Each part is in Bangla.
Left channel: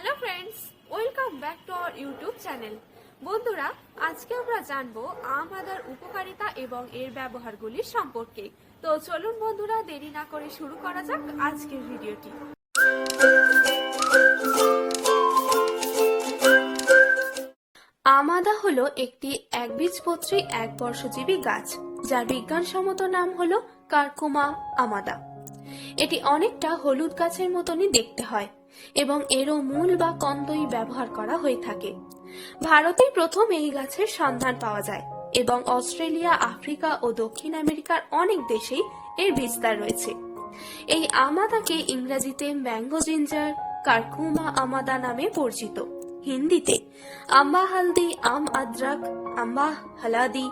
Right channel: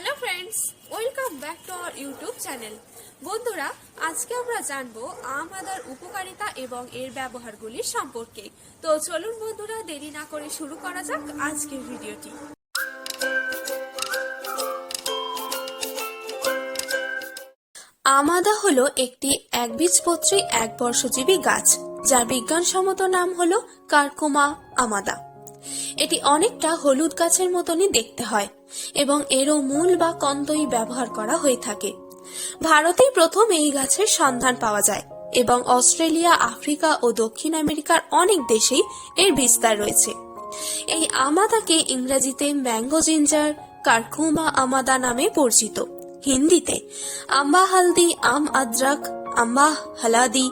Hello friends, welcome back to our YouTube channel. বন্ধুরা, আজকে আমরা জানবো আম আদার উপকারিতা এবং এর ব্যবহারগুলি সম্পর্কে। তো চলুন বন্ধুরা, দেরি না করে শুরু করা যাক আজকের ভিডিওটি। আম আদা হলো একটি একবীজপত্রী একবর্ষজীবী গাছ, যার বিজ্ঞানসম্মত নাম হলো কারকুমা আমাদা। এটি অনেকটা হলুদ গাছের মতনই দেখতে হয় এবং এরও মূল বা কন্দই ব্যবহার করা হয়ে থাকে। ভারতেই প্রথম এই গাছের সন্ধান পাওয়া যায় এবং অস্ট্রেলিয়া, আফ্রিকা ও দক্ষিণ আমেরিকার অনেক দেশেই এর বিস্তার রয়েছে। এই আমাদাকে ইংরেজিতে ম্যাঙ্গো জিঞ্জার, কারকুমা আমাদা নামে পরিচিত। হিন্দিতে আম্বা হালদি, আম আদ্রাক, আম্বা হালাদি,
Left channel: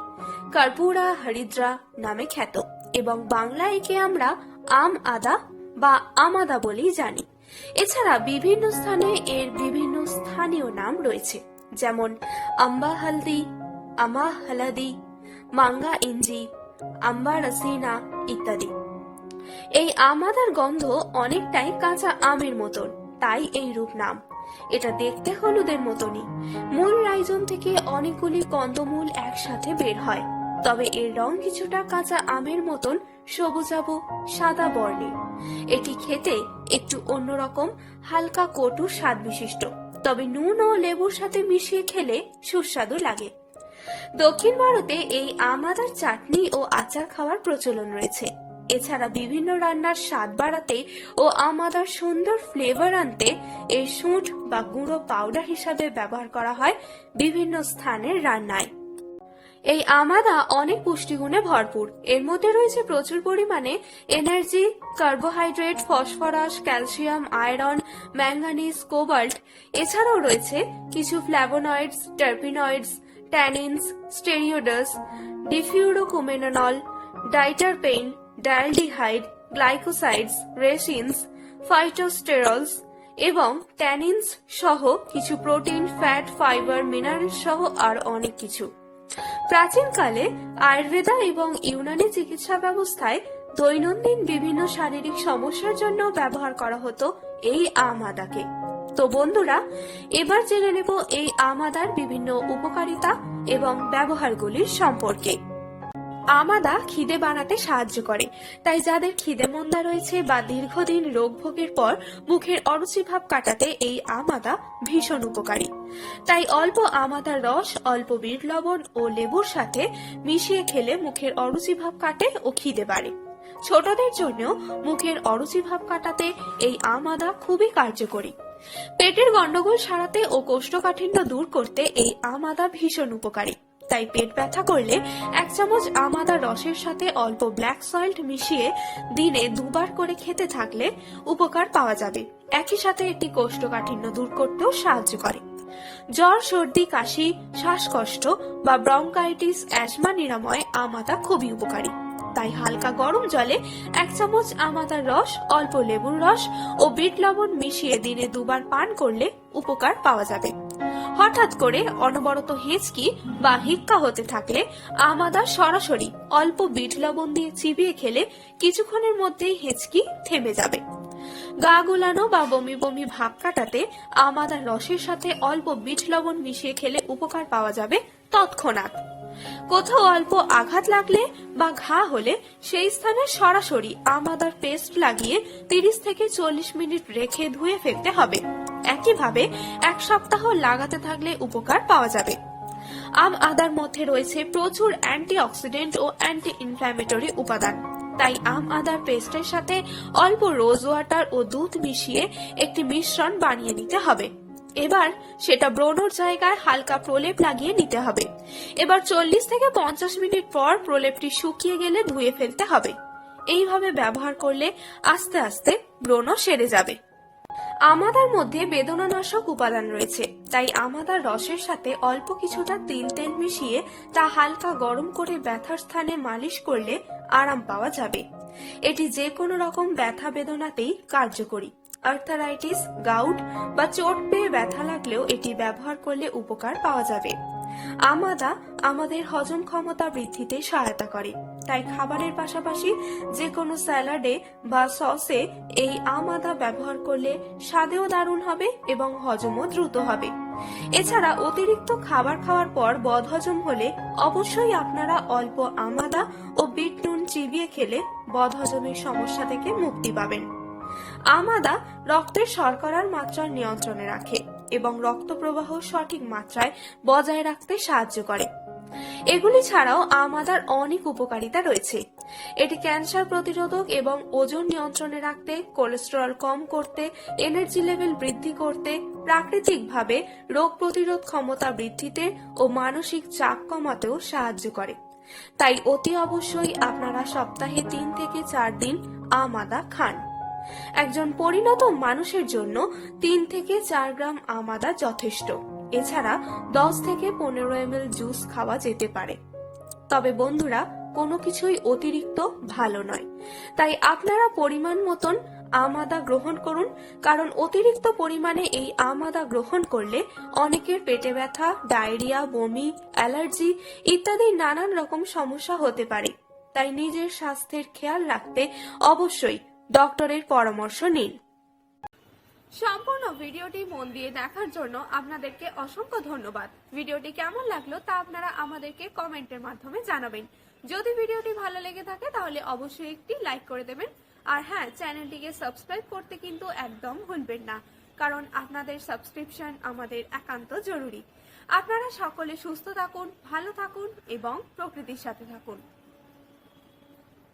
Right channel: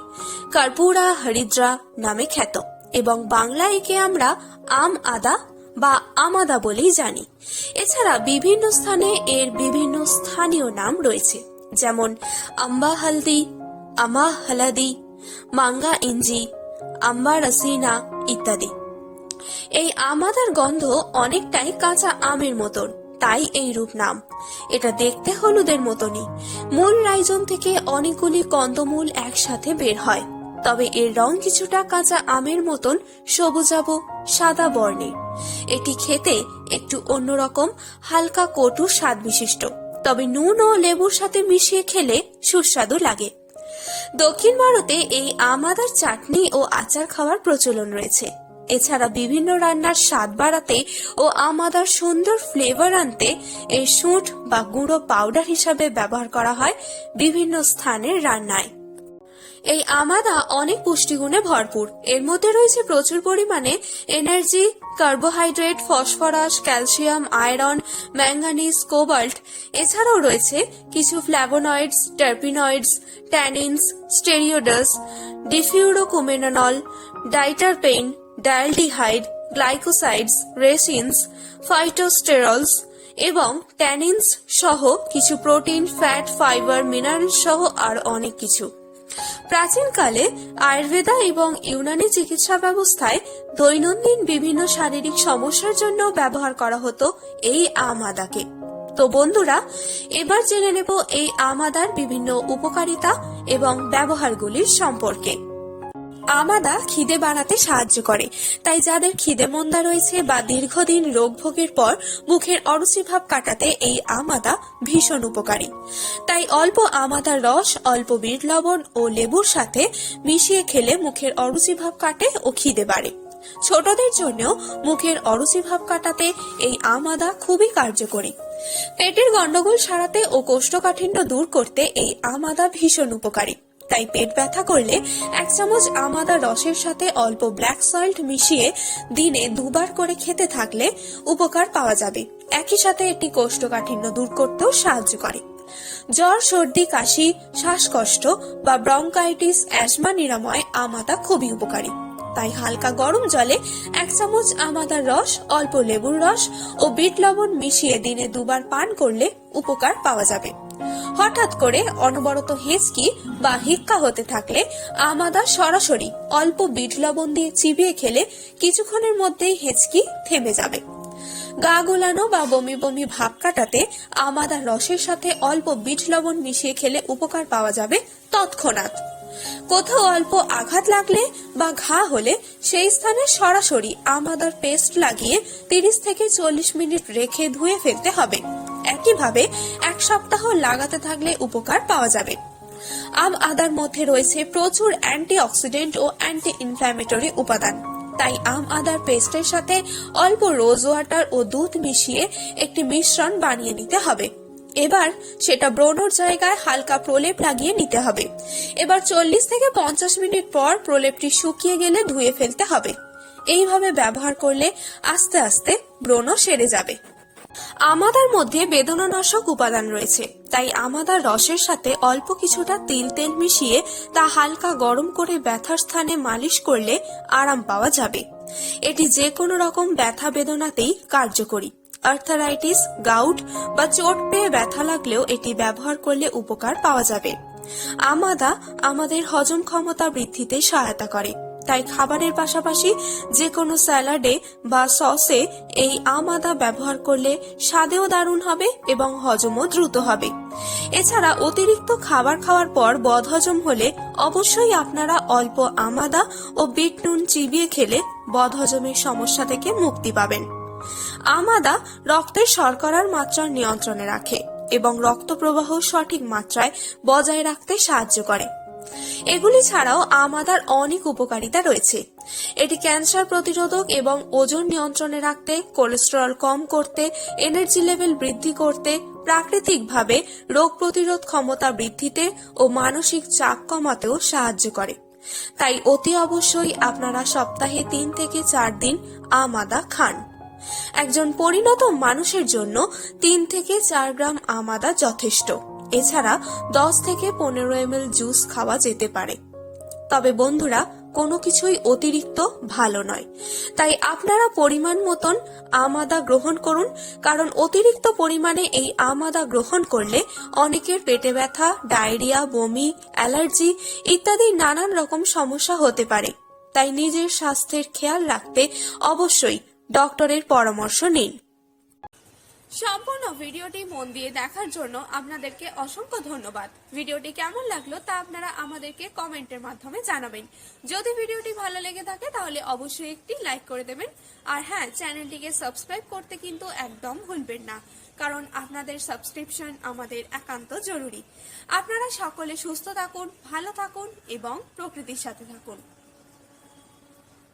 কার্পুরা হরিদ্রা নামে খ্যাত এবং বাংলা একে আমরা আম আদা বা আমাদা বলেই জানি। এছাড়া বিভিন্ন স্থানে এর বিভিন্ন স্থানীয় নাম রয়েছে, যেমন আম্বা হালদি, আমা হালাদি, মাঙ্গা ইঞ্জি, আম্বা রসিনা ইত্যাদি। এই আমাদার গন্ধ অনেকটাই কাঁচা আমের মতন, তাই এই রূপ নাম। এটা দেখতে হলুদের মতনই। মূল রাইজম থেকে অনেকগুলি কন্দমূল একসাথে বের হয়, তবে এর রং কিছুটা কাঁচা আমের মতন সবুজাভ সাদা বর্ণের। এটি খেতে একটু অন্যরকম, হালকা কটু স্বাদ বিশিষ্ট, তবে নুন ও লেবুর সাথে মিশিয়ে খেলে সুস্বাদু লাগে। দক্ষিণ ভারতে এই আমাদার চাটনি ও আচার খাওয়ার প্রচলন রয়েছে। এছাড়া বিভিন্ন রান্নার স্বাদ বাড়াতে ও আমাদার সুন্দর ফ্লেভার আনতে এর শুঁট বা গুঁড়ো পাউডার হিসাবে ব্যবহার করা হয় বিভিন্ন স্থানের রান্নায়। এই আমাদা অনেক পুষ্টিগুণে ভরপুর। এর মধ্যে রয়েছে প্রচুর পরিমাণে energy, carbohydrate, phosphorus, calcium, iron, manganese, cobalt. এছাড়াও রয়েছে কিছু ফ্ল্যাভোনয়েডস, টার্পিনয়েডস, ট্যানিনস, স্টেরিওডাস, ডিফিউরোকুমেনল, ডাইটারপেন, ডায়ালডিহাইড, গ্লাইকোসাইডস, রেসিনস, ফাইটোস্টেরলস এবং ট্যানিনস সহ কিছু প্রোটিন, ফ্যাট, ফাইবার, মিনারেল সহ আর অনেক কিছু। প্রাচীনকালে আয়ুর্বেদা এবং ইউনানি চিকিৎসা ব্যবস্থায় দৈনন্দিন বিভিন্ন শারীরিক সমস্যার জন্য ব্যবহার করা হতো এই আম আদাকে। তো বন্ধুরা, এবার জেনে নেব এই আম আদার বিভিন্ন উপকারিতা এবং ব্যবহারগুলির সম্পর্কে। আমাদা খিদে বাড়াতে সাহায্য করে, তাই যাদের খিদে মন্দা রয়েছে বা দীর্ঘদিন রোগ ভোগের পর মুখের অরুচি ভাব কাটাতে এই আমাদা ভীষণ উপকারী। তাই অল্প আমাদার রস অল্প বিট লবণ ও লেবুর সাথে মিশিয়ে খেলে মুখের অরুচি ভাব কাটে ও খিদে বাড়ে। ছোটদের জন্যও মুখের অরুচি ভাব কাটাতে এই আমাদা খুবই কার্যকরী। পেটের গন্ডগোল সারাতে ও কোষ্ঠকাঠিন্য দূর করতে এই আমাদা ভীষণ উপকারী। তাই পেট ব্যথা করলে 1 চামচ আমাদা রসের সাথে অল্প ব্ল্যাক সল্ট মিশিয়ে দিনে 2 বার করে খেতে থাকলে উপকার পাওয়া যাবে। একই সাথে এটি কোষ্ঠকাঠিন্য দূর করতেও সাহায্য করে। জ্বর, সর্দি, কাশি, শ্বাসকষ্ট বা ব্রঙ্কাইটিস, অ্যাজমা নিরাময় আমাদা খুবই উপকারী। তাই হালকা গরম জলে 1 চামচ আমাদার রস, অল্প লেবুর রস ও বিট লবণ মিশিয়ে দিনে 2 বার পান করলে উপকার পাওয়া যাবে। হঠাৎ করে অনবরত হেঁচকি বা হিক্কা হতে থাকলে আমাদা সরাসরি অল্প বিট লবণ দিয়ে চিবিয়ে খেলে কিছুক্ষণের মধ্যেই হেঁচকি থেমে যাবে। গা গোলানো বা বমি বমি ভাব কাটাতে আমাদা রসের সাথে অল্প বিট লবণ মিশিয়ে খেলে উপকার পাওয়া যাবে তৎক্ষণাৎ। কোথাও অল্প আঘাত লাগলে বা ঘা হলে সেই স্থানে সরাসরি আমাদার পেস্ট লাগিয়ে 30 থেকে 40 মিনিট রেখে ধুয়ে ফেলতে হবে। একইভাবে 1 সপ্তাহ লাগাতে থাকলে উপকার পাওয়া যাবে। আম আদার মধ্যে রয়েছে প্রচুর অ্যান্টিঅক্সিডেন্ট ও অ্যান্টি ইনফ্ল্যামেটরি উপাদান। তাই আম আদার পেস্টের সাথে অল্প রোজ ওয়াটার ও দুধ মিশিয়ে একটি মিশ্রণ বানিয়ে নিতে হবে। এবার সেটা ব্রণর জায়গায় হালকা প্রলেপ লাগিয়ে নিতে হবে। এবার 40 থেকে 50 মিনিট পর প্রলেপটি শুকিয়ে গেলে ধুয়ে ফেলতে হবে। এইভাবে ব্যবহার করলে আস্তে আস্তে ব্রণ সেরে যাবে। আমাদার মধ্যে বেদনানাশক উপাদান রয়েছে, তাই আমাদার রসের সাথে অল্প কিছুটা তিল তেল মিশিয়ে তা হালকা গরম করে ব্যথার স্থানে মালিশ করলে আরাম পাওয়া যাবে। এটি যে কোনো রকম ব্যথা বেদনাতেই কার্যকরী। আর্থারাইটিস, গাউট বা চোট পেয়ে ব্যথা লাগলেও এটি ব্যবহার করলে উপকার পাওয়া যাবে। আমাদা আমাদের হজম ক্ষমতা বৃদ্ধিতে সহায়তা করে। তাই খাবারের পাশাপাশি যে কোনো স্যালাডে বা সসে এই আম আদা ব্যবহার করলে স্বাদেও দারুণ হবে এবং হজমও দ্রুত হবে। এছাড়া অতিরিক্ত খাবার খাওয়ার পর বদহজম হলে অবশ্যই আপনারা অল্প আম আদা ও বিট নুন চিবিয়ে খেলে বদহজমের সমস্যা থেকে মুক্তি পাবেন। আম আদা রক্তের শর্করার মাত্রা নিয়ন্ত্রণে রাখে এবং রক্ত প্রবাহ সঠিক মাত্রায় বজায় রাখতে সাহায্য করে। এগুলি ছাড়াও আম আদার অনেক উপকারিতা রয়েছে। এটি ক্যান্সার প্রতিরোধক এবং ওজন নিয়ন্ত্রণে রাখতে, কোলেস্টেরল কম করতে, এনার্জি লেভেল বৃদ্ধি করতে, প্রাকৃতিকভাবে রোগ প্রতিরোধ ক্ষমতা বৃদ্ধিতে ও মানসিক চাপ কমাতেও সাহায্য করে। তাই অতি অবশ্যই আপনারা সপ্তাহে 3 থেকে 4 দিন আম আদা খান। একজন পরিণত মানুষের জন্য 3 থেকে 4 গ্রাম আম আদা যথেষ্ট। এছাড়া 10 থেকে 15 ml জুস খাওয়া যেতে পারে। তবে বন্ধুরা, কোনো কিছুই অতিরিক্ত ভালো নয়, তাই আপনারা পরিমাণ মতন আম আদা গ্রহণ করুন। কারণ অতিরিক্ত পরিমাণে এই আম আদা গ্রহণ করলে অনেকের পেটে ব্যথা, ডায়রিয়া, বমি, অ্যালার্জি ইত্যাদি নানান রকম সমস্যা হতে পারে। তাই নিজের স্বাস্থ্যের খেয়াল রাখতে অবশ্যই ডক্টরের পরামর্শ নিন। সম্পূর্ণ ভিডিওটি মন দিয়ে দেখার জন্য আপনাদেরকে অসংখ্য ধন্যবাদ। ভিডিওটি কেমন লাগলো তা আপনারা আমাদেরকে কমেন্টের মাধ্যমে জানাবেন। যদি ভিডিওটি ভালো লেগে থাকে তাহলে অবশ্যই একটি লাইক করে দেবেন। আর হ্যাঁ, চ্যানেলটিকে সাবস্ক্রাইব করতে কিন্তু একদম ভুলবেন না, কারণ আপনাদের সাবস্ক্রিপশন আমাদের একান্ত জরুরি। আপনারা সকলে সুস্থ থাকুন, ভালো থাকুন এবং প্রকৃতির সাথে থাকুন।